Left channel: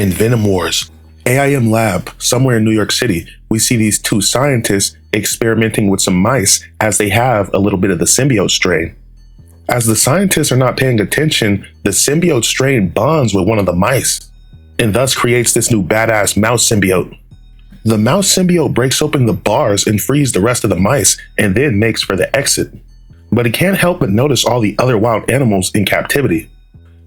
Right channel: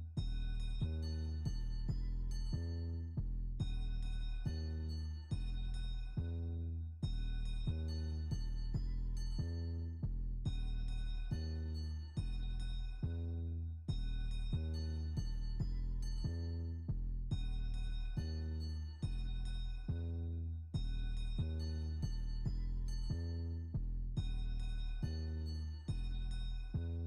In Venom Wars, AIM lab somewhere in New York City, we see these two scientists experimenting with some mice as they have a little bit of the symbiote strain. As the scientists are not paying attention, the symbiote strain bonds with one of the mice and thus creates this new badass mouse symbiote. The mouse symbiote breaks open the bars and frees the rest of the mice and then makes for the exit. But he can't help but notice all the other wild animals in captivity.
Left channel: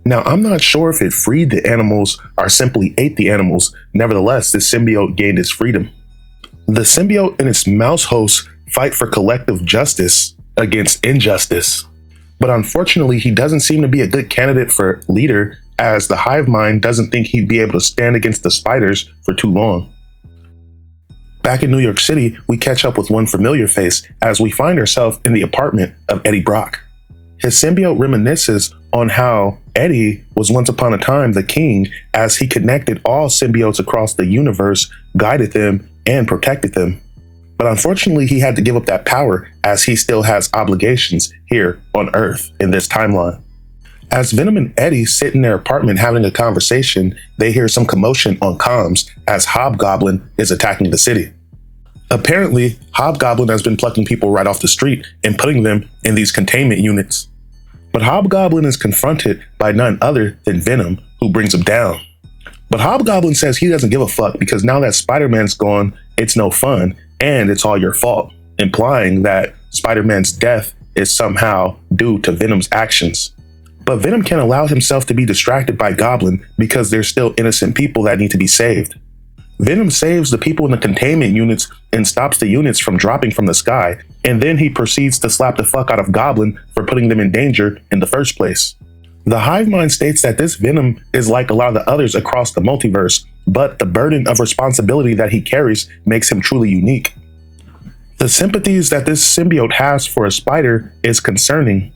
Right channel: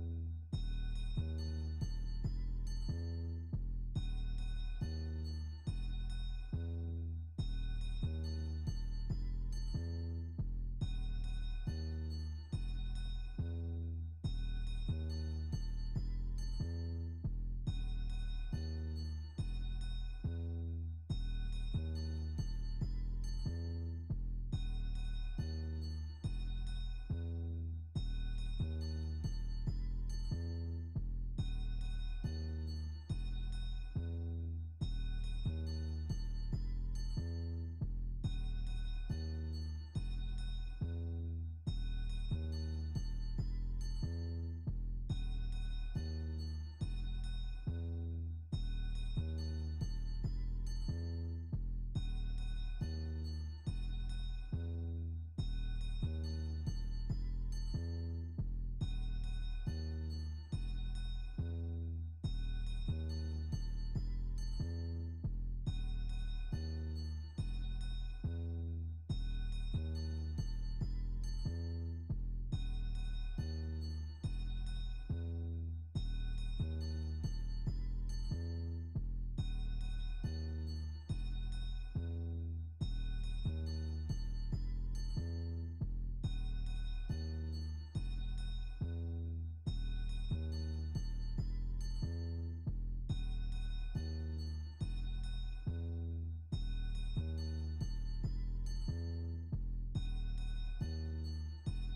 Now, I'm not sure if it freed the animals or simply ate the animals. Nevertheless, the symbiote gained its freedom. The symbiote and its mouse hosts fight for collective justice against injustice. But unfortunately, he doesn't seem to be a good candidate for leader, as the hive mind doesn't think he'd be able to stand against the spiders for too long. Back in New York City, we catch up with one familiar face as we find ourselves in the apartment of Eddie Brock. His symbiote reminisces on how Eddie was once upon a time the king, as he connected all symbiotes across the universe, guided them, and protected them. But unfortunately, he had to give up that power as he still has obligations here on Earth in this timeline. As Venom and Eddie sit in their apartment having a conversation, they hear some commotion on comms as Hobgoblin is attacking the city. Apparently, Hobgoblin has been plucking people right off the street and putting them in these containment units. But Hobgoblin is confronted by none other than Venom, who brings him down. But Hobgoblin says he doesn't give a fuck because now that Spider-Man's gone, it's no fun and it's all your fault, implying that Spider-Man's death is somehow due to Venom's actions. But Venom can't allow himself to be distracted by Goblin because there's still innocent people that need to be saved. Venom saves the people in the containment units and stops the units from dropping from the sky, and then he proceeds to slap the fuck out of Goblin for putting them in danger in the first place. The hive mind states that this Venom is like a lot of the others across the multiverse, but the burden of responsibility that he carries makes him truly unique. The sympathies that this symbiote has for a spider is concerning.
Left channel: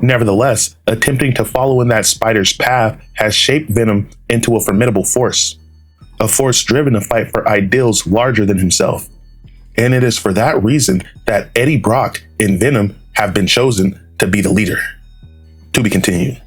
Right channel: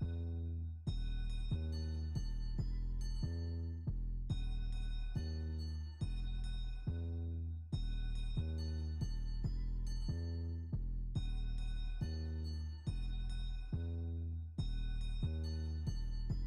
Nevertheless, attempting to follow in that spider's path has shaped Venom into a formidable force. A force driven to fight for ideals larger than himself. And it is for that reason that Eddie Brock and Venom have been chosen to be the leader. To be continued.